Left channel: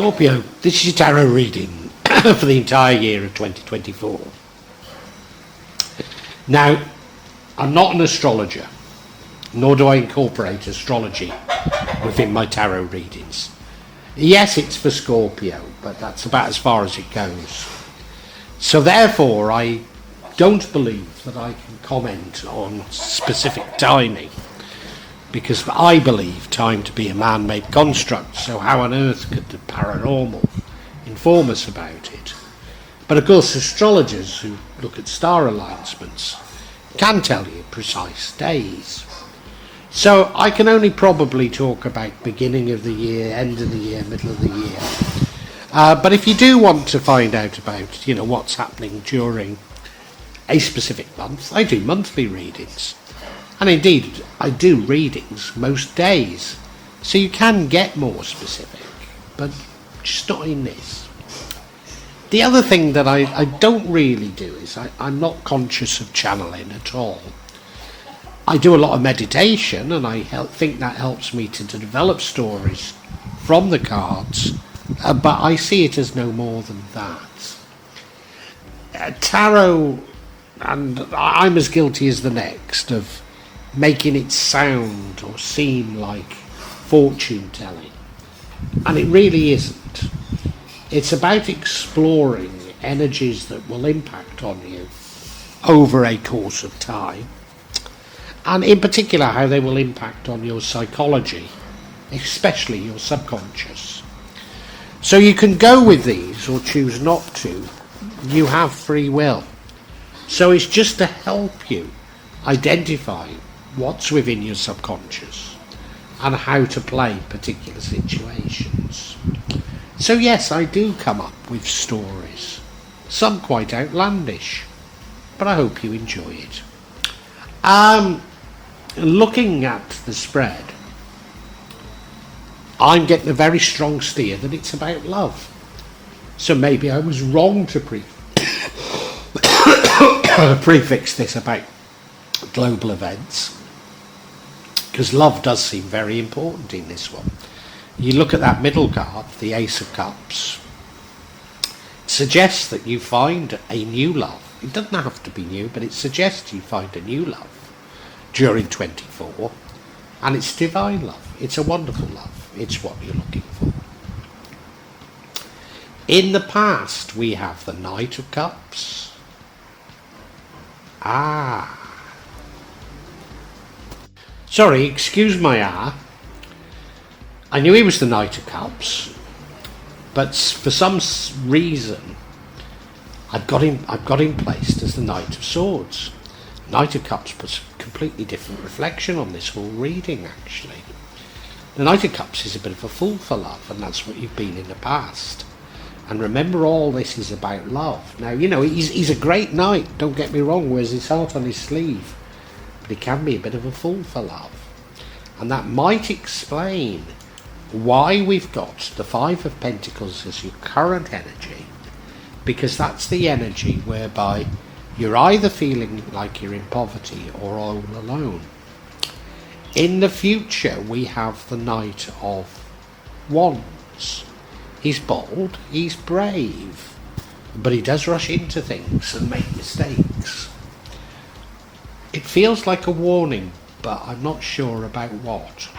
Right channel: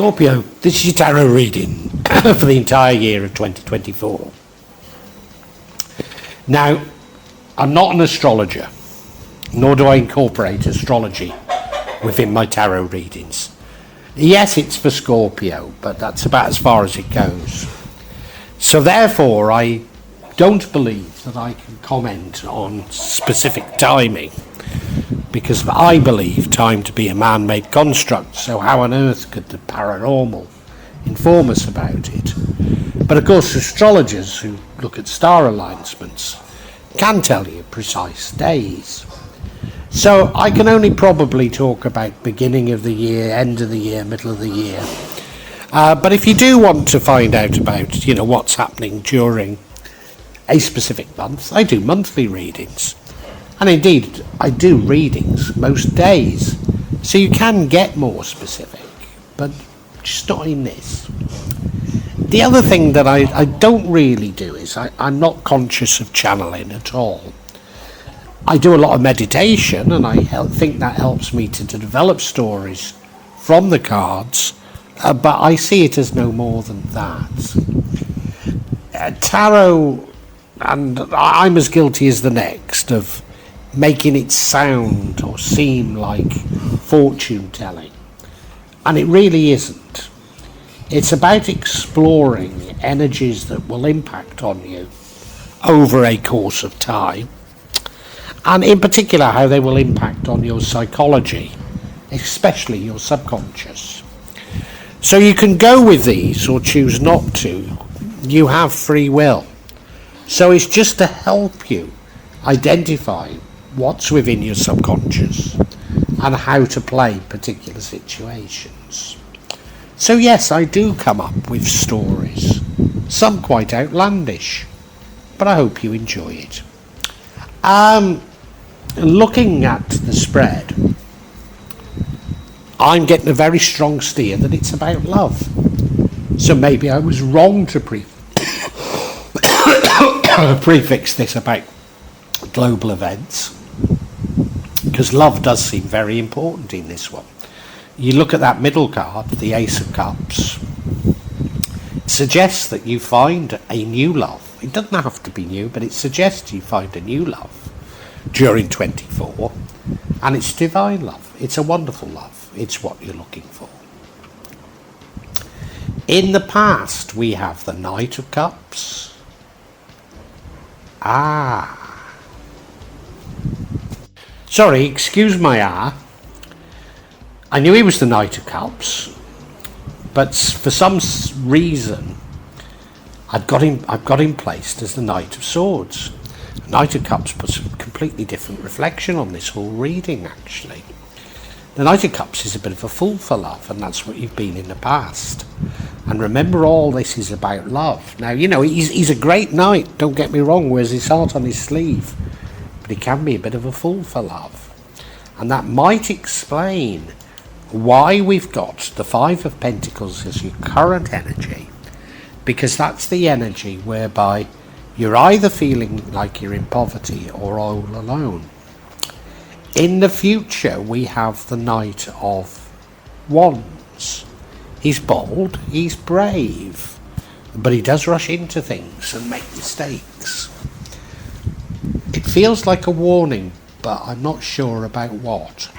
Scorpio, this is your tarot reading for the entire year of 2024. Now, I'm not an astrologer, nor do I incorporate astrology within my tarot readings. Yes, it's for Scorpio, but that's about as far as it goes. So therefore, I don't believe that I can comment on specific timing, because I believe time to be a man-made construct, so how on earth could the paranormal inform us about it? But of course, astrologers who look at star alignments can tell you precise days. So I can only probably talk about beginning of the year, end of the year, middle of the year. But if you do want to find out about, what's happening during a specific month, I do monthly readings. And indeed, I do readings most days. So you can get more specific, but just not in this. The other thing that I don't really do is I'm not conscious of channeling at all. I do a lot of meditation, and I think that helps me to develop stories from the cards, but I see it as no more than that. Tarot, and I'm as guilty as the next of making it sound or seem like fortune telling, and it really isn't. It's about exploring energies that will impact on you over a course of time, and in particular how they will impact on your psychology, especially your subconscious. So you can go with these or choose not to. You have free will. So it's just to help you identify what's within your subconscious and how to play particular situations. So yes, I do come up with stories, some quite outlandish, but I hope you enjoy it. Looking at the spread, I'm getting a very strong steer that it's about love. So maybe I was wrong to prefix this about global events, because love does seem very important in this one. You look at that middle card, the Ace of Cups, it suggests that you find a new love. It doesn't have to be new, but it suggests you find a new love during 24, and it's divine love. It's a wonderful love. It's what you're looking for. In the past, we have the Knight of Cups. Sorry, excuse my I knew he was the Knight of Cups, but for some reason I've got him placed as the Knight of Swords. Knight of Cups puts a completely different reflection on this whole reading, actually. The Knight of Cups is a bit of a fool for love, and that's what you've been in the past. And remember, all this is about love. Now, he's a great knight, don't get me wrong, wears his heart on his sleeve, but he can be a bit of a fool for love. And that might explain why we've got the Five of Pentacles as your current energy, because that's the energy whereby you're either feeling like you're in poverty or all alone. In the future, we have the Knight of Wands. He's bold, he's brave, but he does rush into things and make mistakes. It feels like a warning, but I'm not sure about what.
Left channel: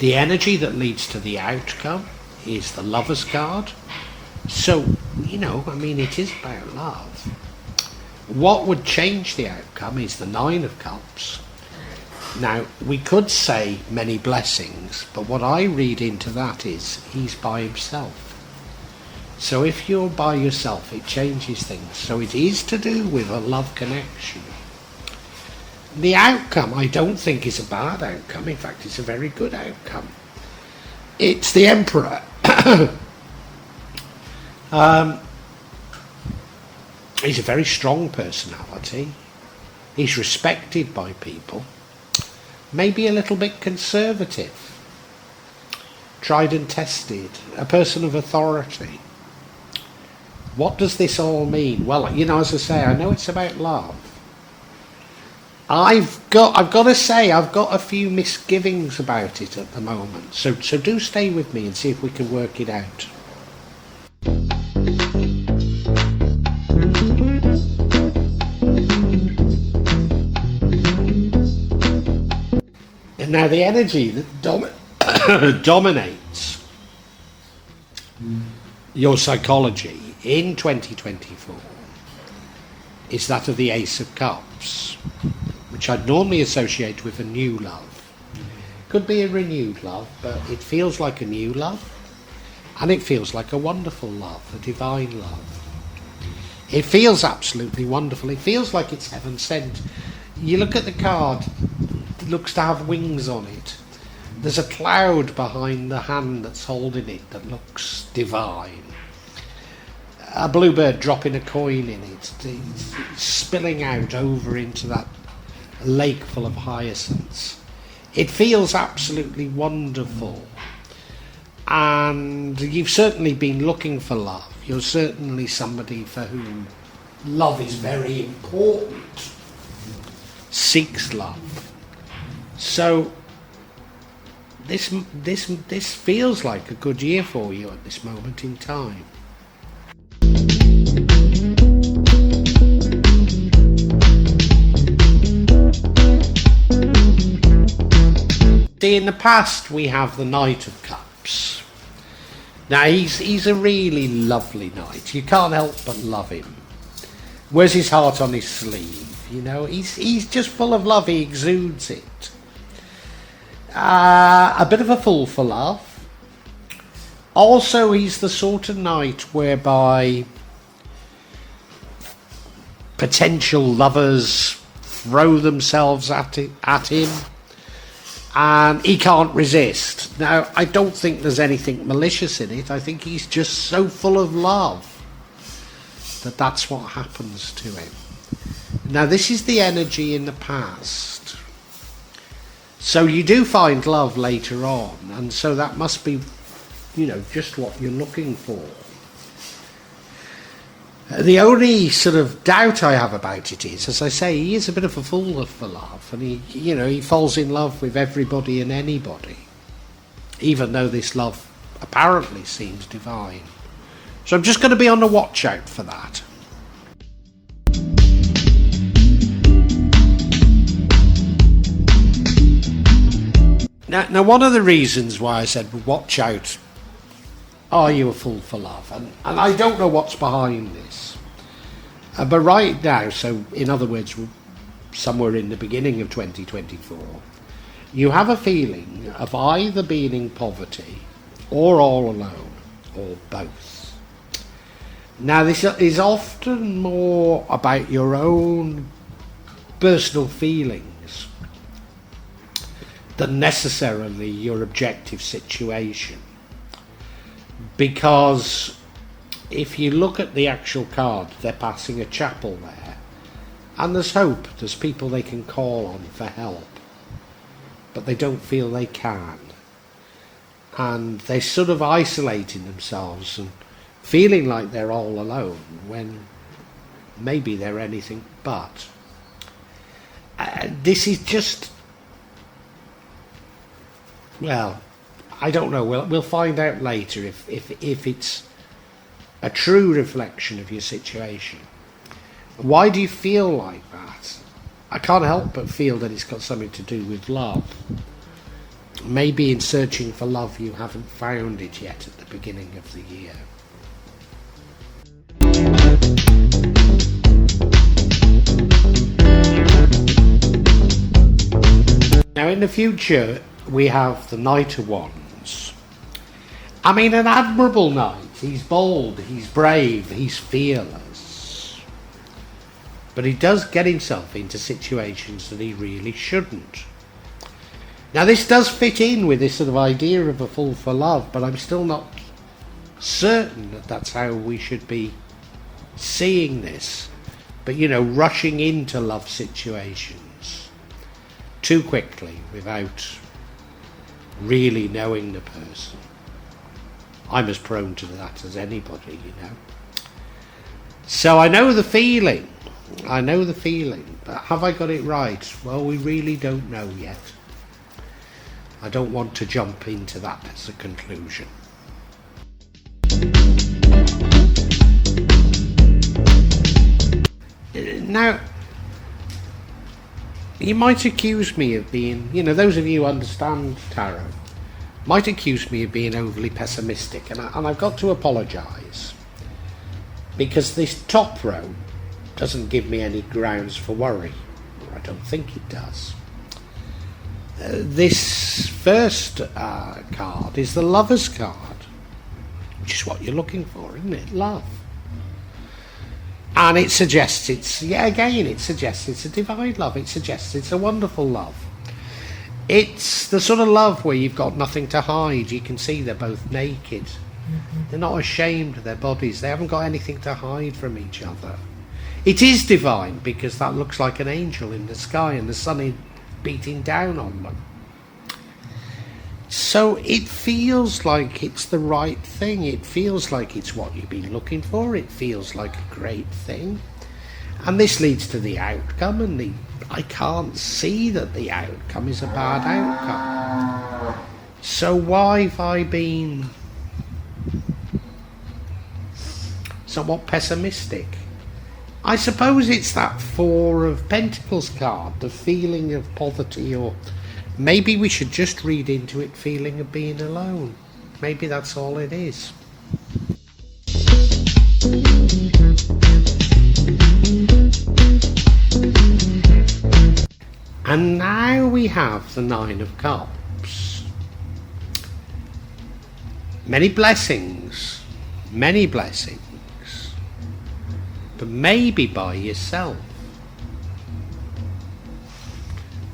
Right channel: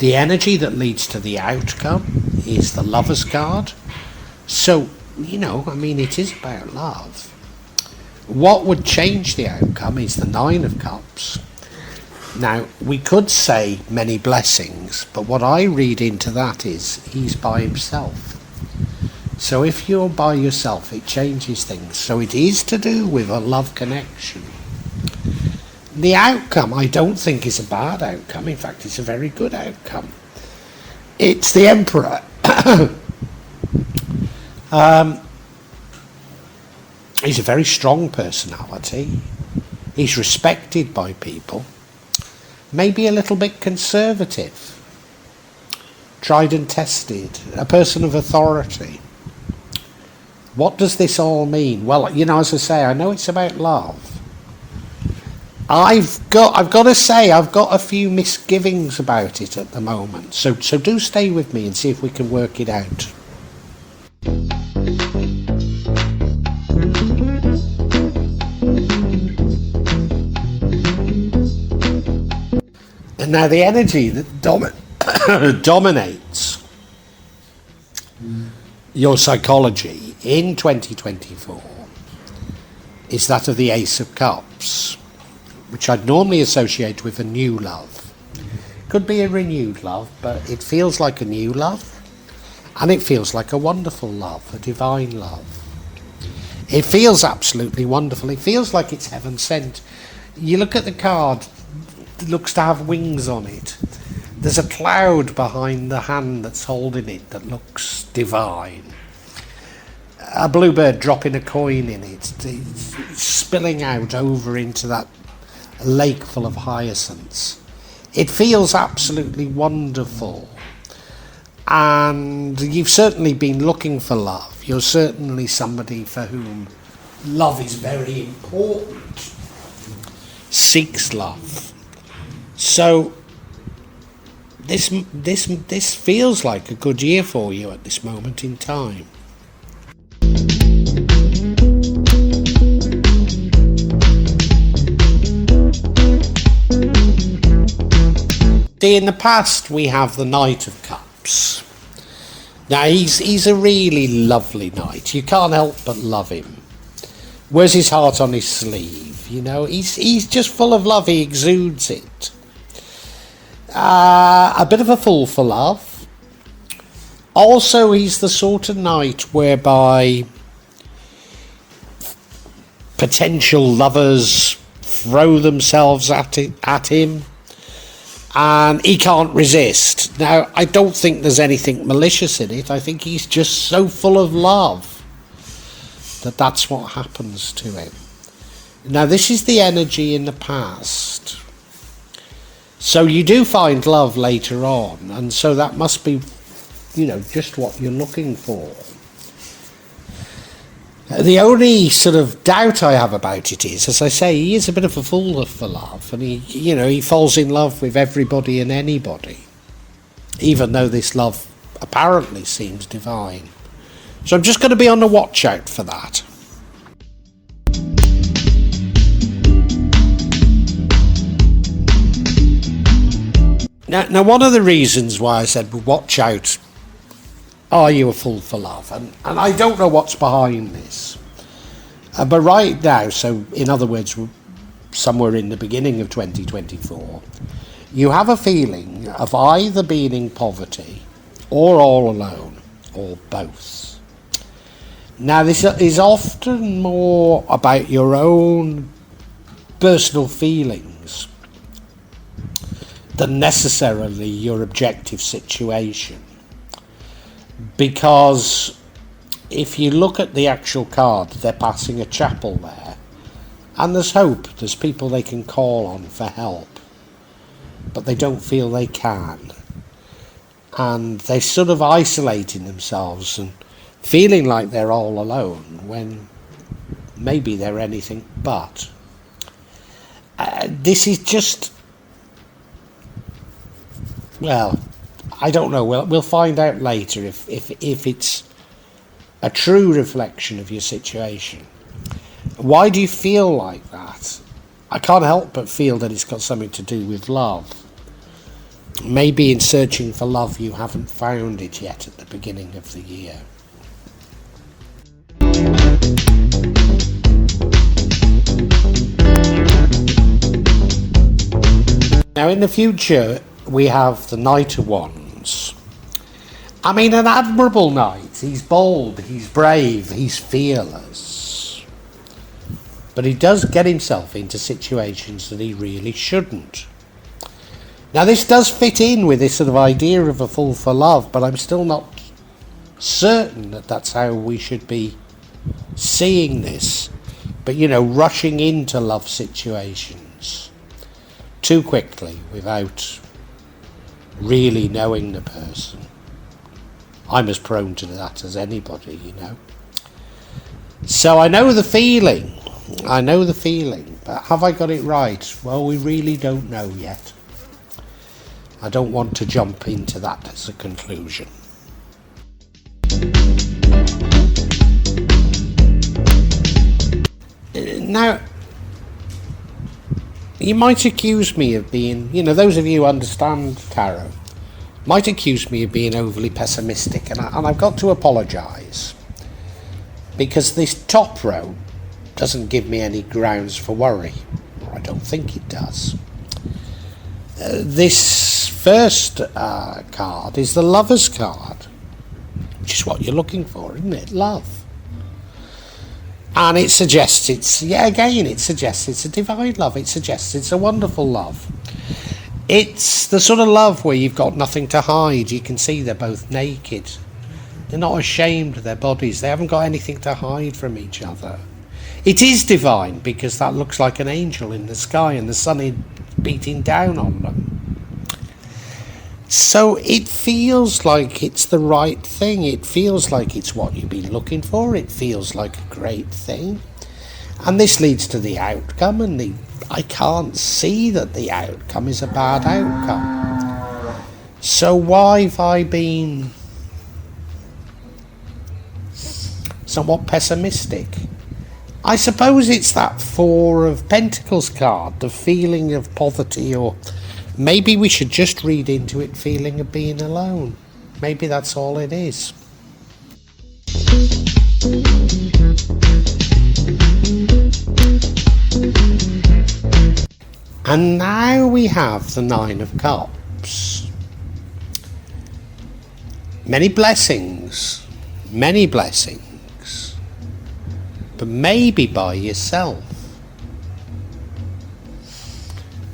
The energy that leads to the outcome is the Lover's card. So, it is about love. What would change the outcome is the Nine of Cups. Now, we could say many blessings, but what I read into that is he's by himself. So if you're by yourself, it changes things. So it is to do with a love connection. The outcome, I don't think, is a bad outcome. In fact, it's a very good outcome. It's the Emperor. He's a very strong personality. He's respected by people. Maybe a little bit conservative. Tried and tested. A person of authority. What does this all mean? Well, as I say, I know it's about love. I've got to say, I've got a few misgivings about it at the moment. So do stay with me and see if we can work it out. And now the energy that dominates your psychology in 2024 is that of the Ace of Cups, which I'd normally associate with a new love. Could be a renewed love, but it feels like a new love, and it feels like a wonderful love, a divine love. It feels absolutely wonderful. It feels like it's heaven sent. You look at the card, it looks to have wings on it. There's a cloud behind the hand that's holding it that looks divine. A bluebird dropping a coin in it, it's spilling out over into that lake full of hyacinths. It feels absolutely wonderful. And you've certainly been looking for love. You're certainly somebody for whom love is very important. Seeks love. So this feels like a good year for you at this moment in time. See, in the past we have the Knight of Cups. Now he's a really lovely knight. You can't help but love him. Wears his heart on his sleeve. You know, he's just full of love. He exudes it. A bit of a fool for love. Also, he's the sort of knight whereby potential lovers throw themselves at him, and he can't resist. Now, I don't think there's anything malicious in it. I think he's just so full of love that that's what happens to him. Now, this is the energy in the past. So you do find love later on, and so that must be, you know, just what you're looking for. The only sort of doubt I have about it is, as I say, he is a bit of a fool for love, and he falls in love with everybody and anybody, even though this love apparently seems divine. So I'm just going to be on the watch out for that. Now, one of the reasons why I said watch out, are you a fool for love? And I don't know what's behind this. But right now, so in other words, somewhere in the beginning of 2024, you have a feeling of either being in poverty or all alone, or both. Now, this is often more about your own personal feelings than necessarily your objective situation. Because if you look at the actual card, they're passing a chapel there, and there's hope, there's people they can call on for help, but they don't feel they can. And they're sort of isolating themselves and feeling like they're all alone when maybe they're anything but. This is just, well, I don't know. We'll find out later if it's a true reflection of your situation. Why do you feel like that? I can't help but feel that it's got something to do with love. Maybe in searching for love you haven't found it yet at the beginning of the year. Now in the future we have the Knight of Wands. I mean, an admirable knight. He's bold, he's brave, he's fearless. But he does get himself into situations that he really shouldn't. Now this does fit in with this sort of idea of a fool for love, but I'm still not certain that that's how we should be seeing this. But, you know, rushing into love situations too quickly without really knowing the person. I'm as prone to that as anybody, you know. So I know the feeling, but Have I got it right? Well, we really don't know yet. I don't want to jump into that as a conclusion. Now, you might accuse me of being, those of you who understand tarot, might accuse me of being overly pessimistic, and I've got to apologise, because this top row doesn't give me any grounds for worry. I don't think it does. This first card is the Lover's card, which is what you're looking for, isn't it? Love. And it suggests it suggests it's a divine love. It suggests it's a wonderful love. It's the sort of love where you've got nothing to hide. You can see they're both naked. They're not ashamed of their bodies. They haven't got anything to hide from each other. It is divine because that looks like an angel in the sky and the sun is beating down on them. So it feels like it's the right thing. It feels like it's what you've been looking for. It feels like a great thing. And this leads to the outcome, and I can't see that the outcome is a bad outcome. So why have I been somewhat pessimistic? I suppose it's that Four of Pentacles card, the feeling of poverty, or maybe we should just read into it feeling of being alone. Maybe that's all it is. And now we have the Nine of Cups. Many blessings, but maybe by yourself.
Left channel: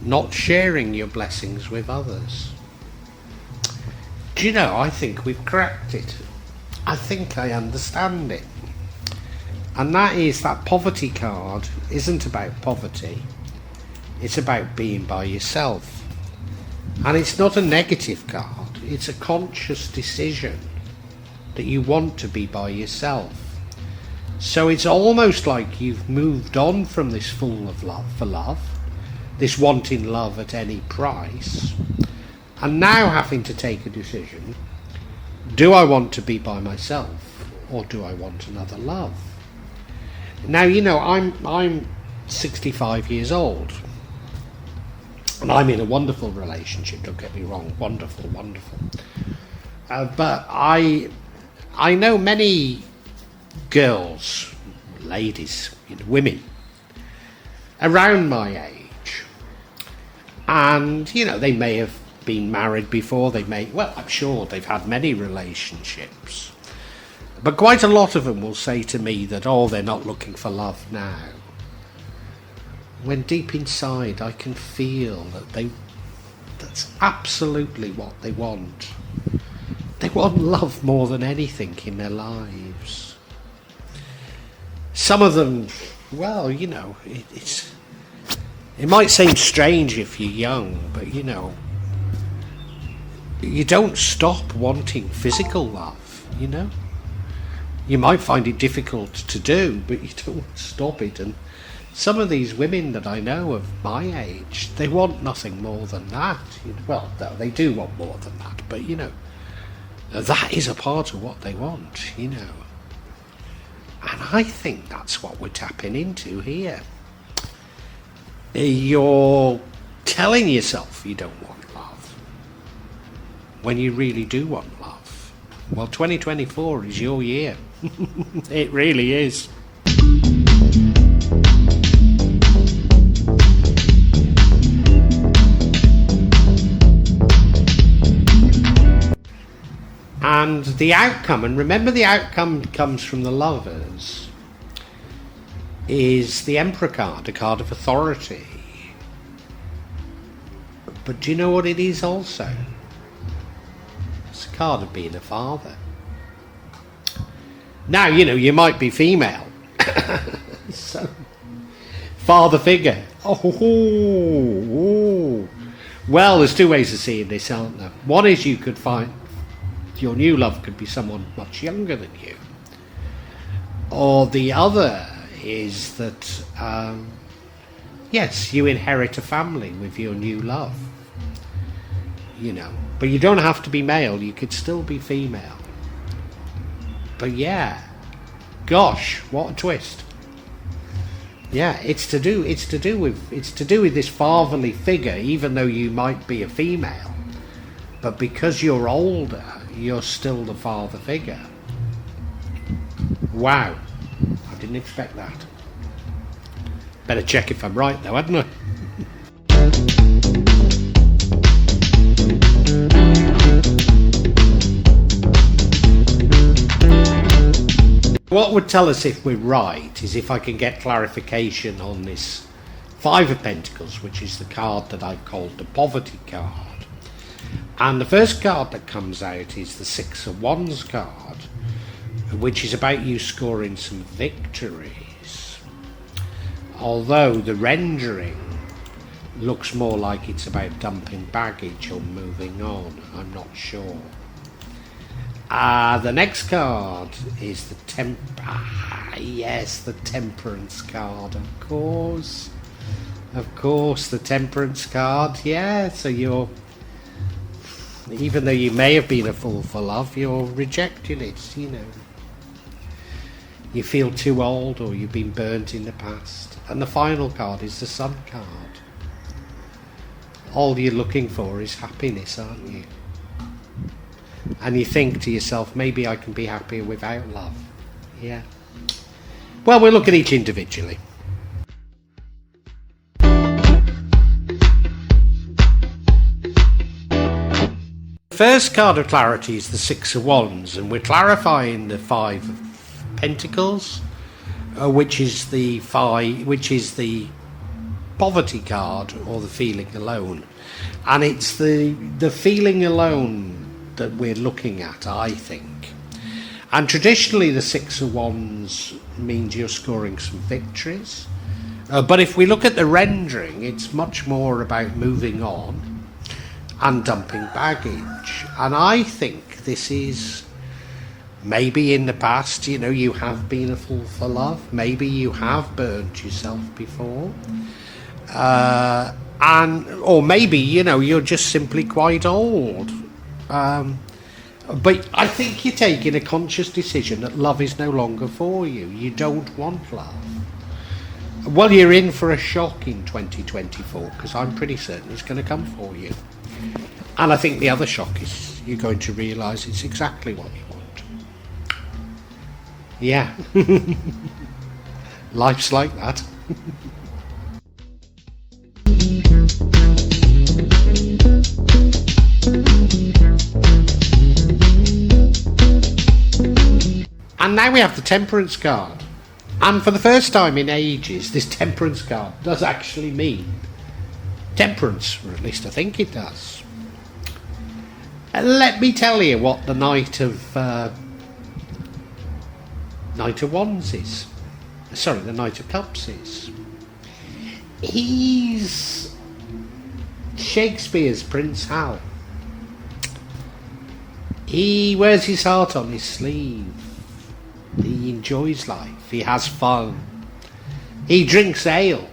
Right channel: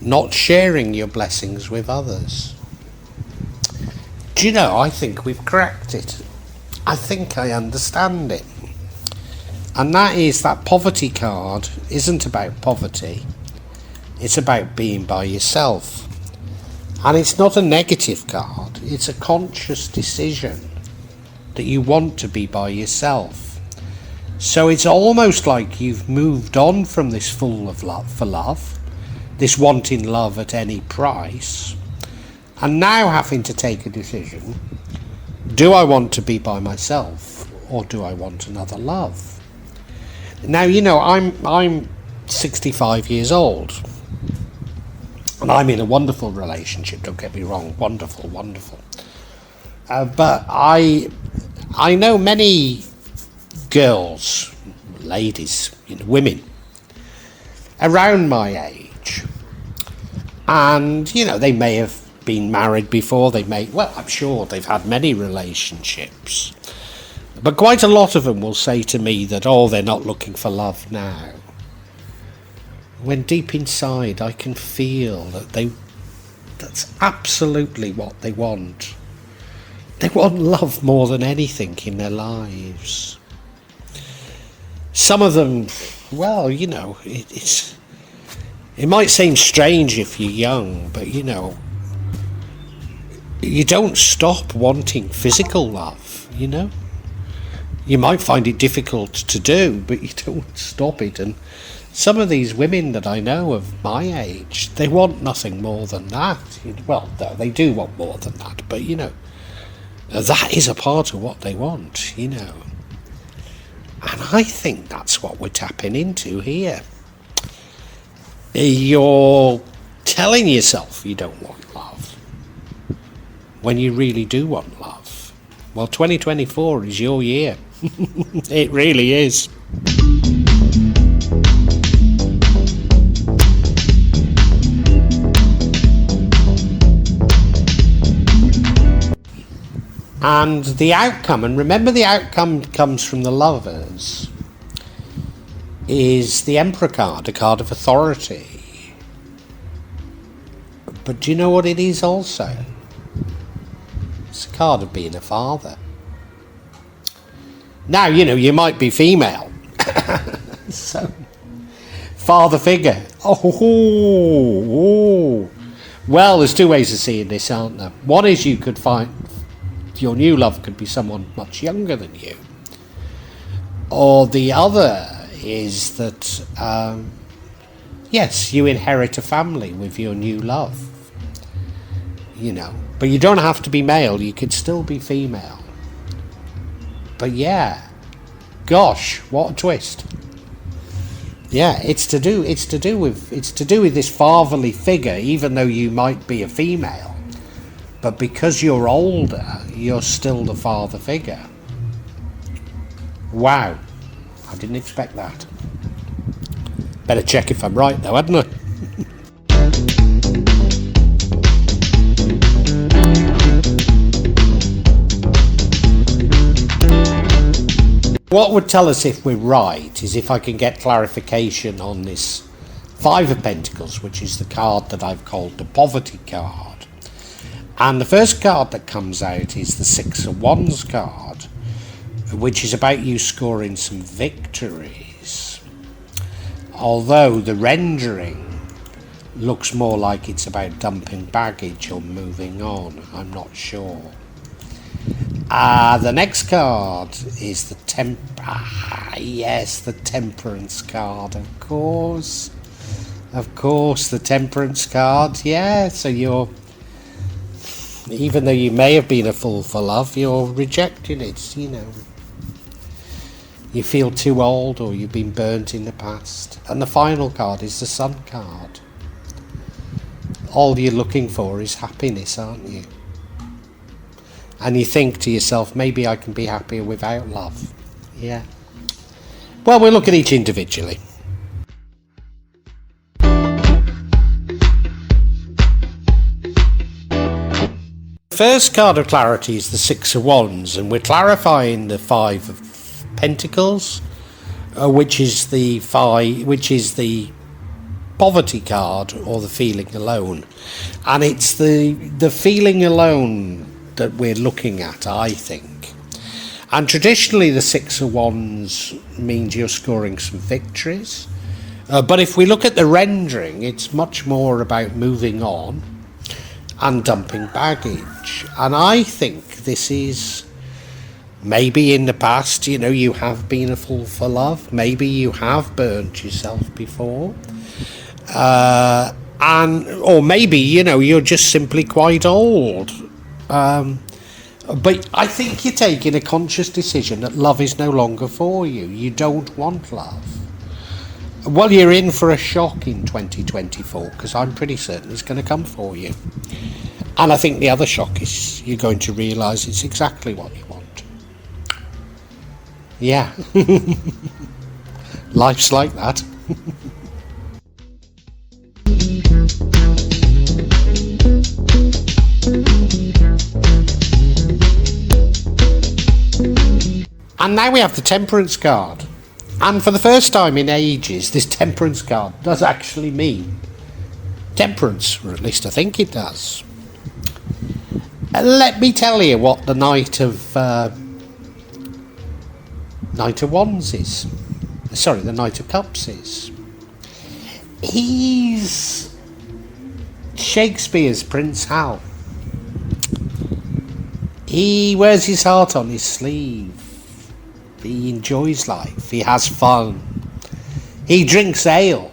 Not sharing your blessings with others. Do you know, I think we've cracked it. I think I understand it. And that is that poverty card isn't about poverty. It's about being by yourself. And it's not a negative card. It's a conscious decision that you want to be by yourself. So it's almost like you've moved on from this fool of love for love, this wanting love at any price, and now having to take a decision. Do I want to be by myself, or do I want another love? Now, I'm 65 years old, and I'm in a wonderful relationship, don't get me wrong, wonderful. But I know many girls, ladies, women around my age, and they may have been married before, I'm sure they've had many relationships, but quite a lot of them will say to me that they're not looking for love now, when deep inside I can feel that that's absolutely what they want. They want love more than anything in their lives. Some of them, well, it might seem strange if you're young, but you don't stop wanting physical love, You might find it difficult to do, but you don't stop it. And some of these women that I know of my age, they want nothing more than that. Well, no, they do want more than that, but that is a part of what they want, And I think that's what we're tapping into here. You're telling yourself you don't want love when you really do want love. Well, 2024 is your year. It really is. And the outcome, and remember the outcome comes from the Lovers, is the Emperor card, a card of authority. But do you know what it is also? It's a card of being a father. Now, you might be female. So, father figure. Oh. Well, there's two ways of seeing this, aren't there? One is you could find your new love could be someone much younger than you. Or the other is that Yes, you inherit a family with your new love, but you don't have to be male, you could still be female. But yeah, gosh, what a twist. Yeah, it's to do with this fatherly figure, even though you might be a female, but because you're older, you're still the father figure. Wow, I didn't expect that. Better check if I'm right though, hadn't I? What would tell us if we're right is if I can get clarification on this Five of Pentacles, which is the card that I've called the Poverty card. And the first card that comes out is the Six of Wands card, which is about you scoring some victories. Although the rendering looks more like it's about dumping baggage or moving on, I'm not sure. The next card is the Temperance card, of course. Of course, the Temperance card, yeah. So even though you may have been a fool for love, you're rejecting it, You feel too old or you've been burnt in the past. And the final card is the Sun card. All you're looking for is happiness, aren't you? And you think to yourself, maybe I can be happier without love. Yeah. Well, we'll look at each individually. First card of clarity is the Six of Wands, and we're clarifying the Five of Pentacles, which is the Poverty card, or the feeling alone. And it's the feeling alone that we're looking at, I think. And traditionally the Six of Wands means you're scoring some victories, but if we look at the rendering, it's much more about moving on and dumping baggage. And I think this is maybe in the past, you have been a fool for love, maybe you have burnt yourself before, or maybe you're just simply quite old. But I think you're taking a conscious decision that love is no longer for you. You don't want love. Well, you're in for a shock in 2024, because I'm pretty certain it's going to come for you. And I think the other shock is you're going to realise it's exactly what you want. Yeah. Life's like that. And now we have the Temperance card. And for the first time in ages, this Temperance card does actually mean temperance, or at least I think it does. Let me tell you what the Knight of Wands is. Sorry, the Knight of Cups is. He's Shakespeare's Prince Hal. He wears his heart on his sleeve. He enjoys life. He has fun. He drinks ale.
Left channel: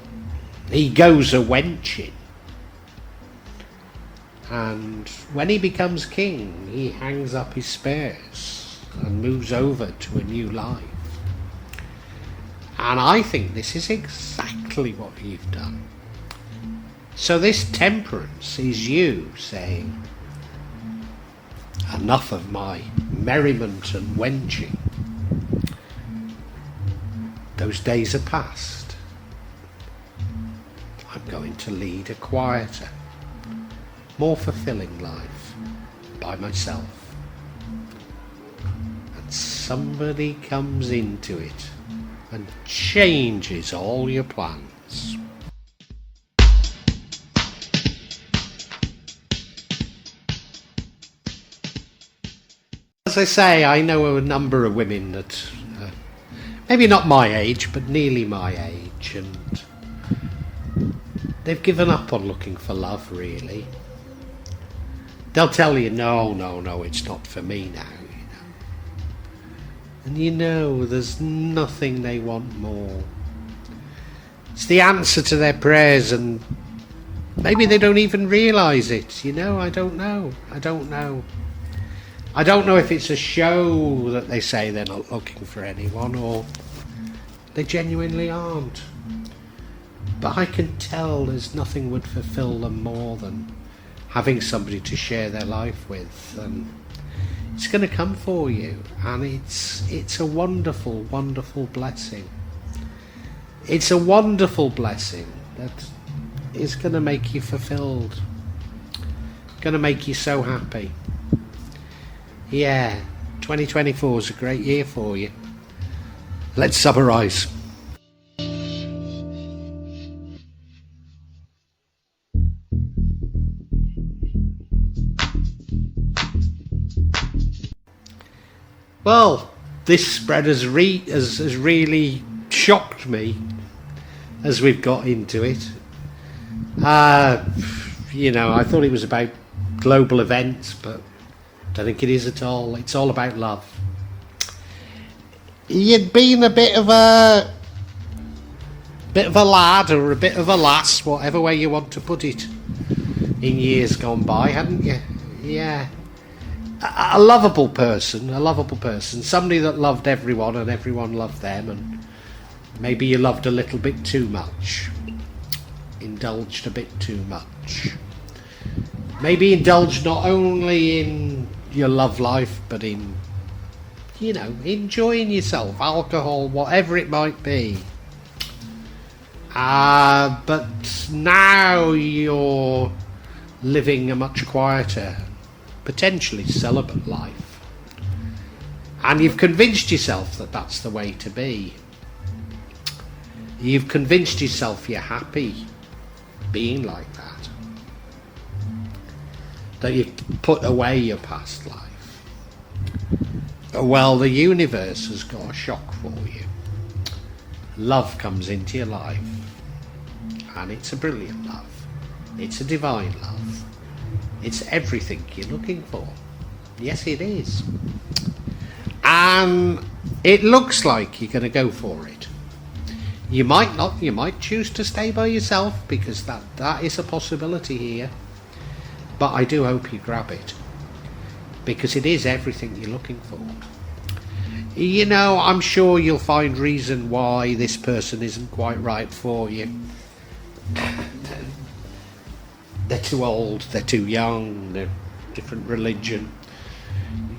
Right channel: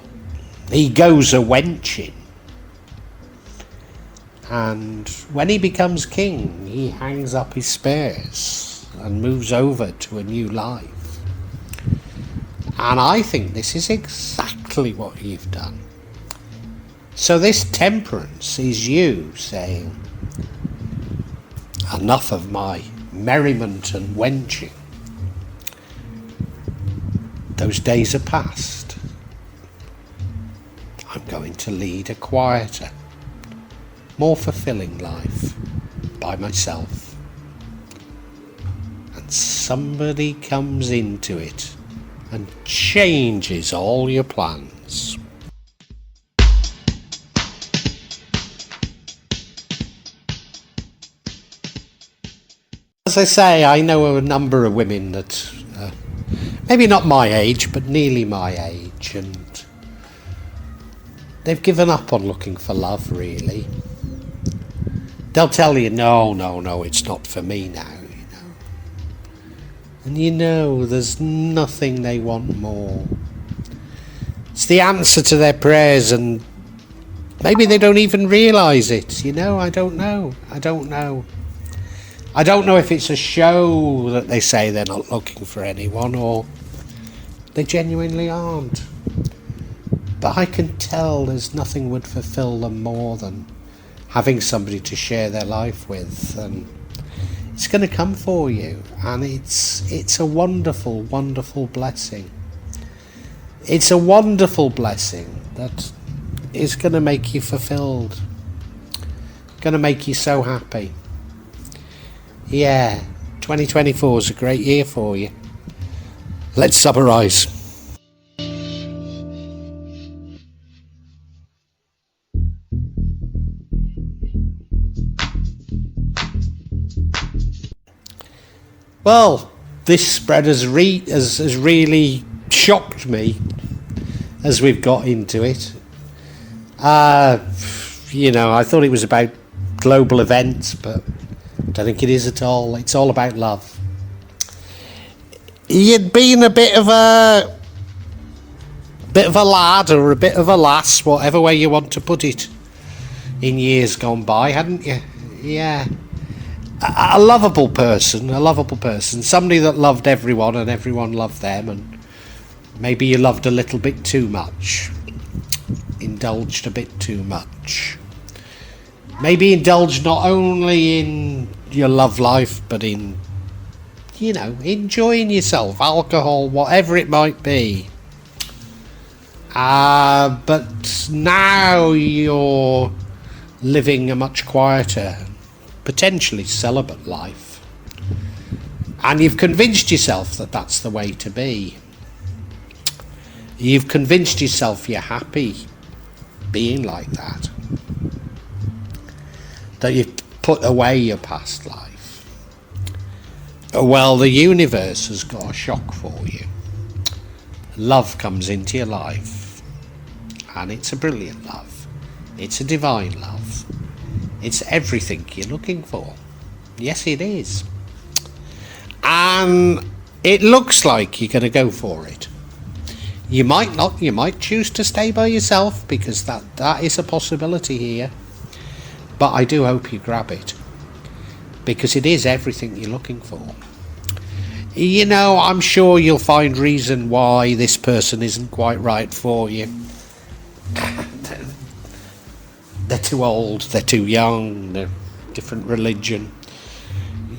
He goes a wenching. And when he becomes king, he hangs up his spears and moves over to a new life. And I think this is exactly what you've done. So this temperance is you saying, enough of my merriment and wenching. Those days are past. I'm going to lead a quieter, more fulfilling life by myself. And somebody comes into it and changes all your plans. As I say, I know a number of women that maybe not my age, but nearly my age, and they've given up on looking for love, really. They'll tell you, no, it's not for me now. And there's nothing they want more It's the answer to their prayers, and maybe they don't even realise it, you know. I don't know if it's a show that they say they're not looking for anyone, or they genuinely aren't. But I can tell there's nothing would fulfill them more than having somebody to share their life with, and it's going to come for you, and it's a wonderful, wonderful blessing. It's a wonderful blessing that is going to make you fulfilled, going to make you so happy. Yeah, 2024 is a great year for you. Let's summarise. Well, this spread has really shocked me as we've got into it. You know, I thought it was about global events, but I don't think it is at all. It's all about love. You'd been a bit of a lad or a bit of a lass, whatever way you want to put it, in years gone by, hadn't you? Yeah. A lovable person, somebody that loved everyone and everyone loved them, and maybe you loved a little bit too much, indulged a bit too much. Maybe indulged not only in your love life, but in, you know, enjoying yourself, alcohol, whatever it might be. But now you're living a much quieter, potentially celibate life, and you've convinced yourself that that's the way to be. You've convinced yourself you're happy being like that, that you've put away your past life. Well, the universe has got a shock for you. Love comes into your life, and it's a brilliant love. It's a divine love. It's everything you're looking for. Yes, it is. And it looks like you're going to go for it. You might not. You might choose to stay by yourself, because that is a possibility here. But I do hope you grab it, because it is everything you're looking for. You know, I'm sure you'll find reason why this person isn't quite right for you. They're too old, they're too young, they're different religion.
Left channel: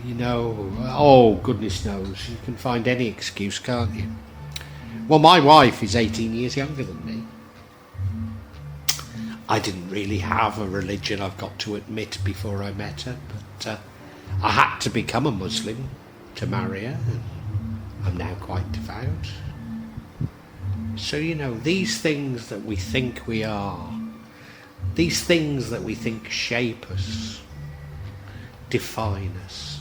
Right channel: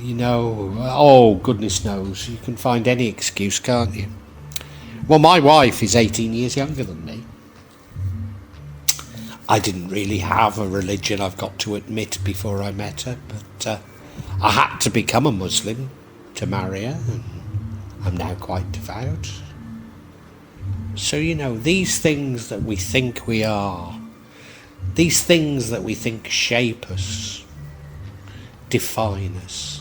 You know, oh, goodness knows, you can find any excuse, can't you? Well, my wife is 18 years younger than me. I didn't really have a religion, I've got to admit, before I met her, but I had to become a Muslim to marry her, and I'm now quite devout. So, you know, these things that we think we are, these things that we think shape us, define us,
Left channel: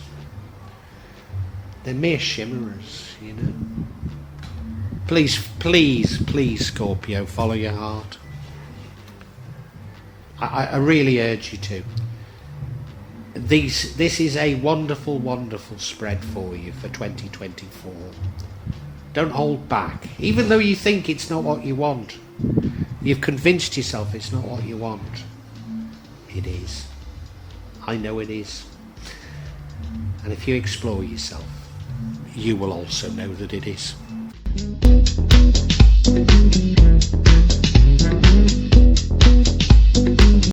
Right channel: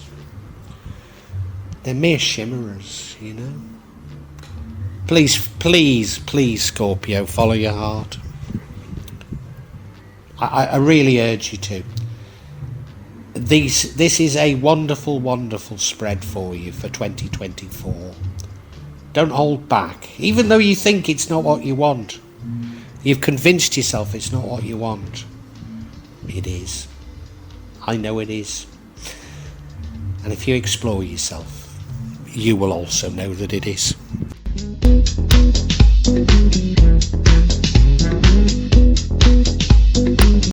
they're mere chimers, you know. Please, please, please, Scorpio, follow your heart. I really urge you to. This is a wonderful, wonderful spread for you for 2024. Don't hold back. Even though you think it's not what you want, you've convinced yourself it's not what you want. It is. I know it is. And if you explore yourself, you will also know that it is.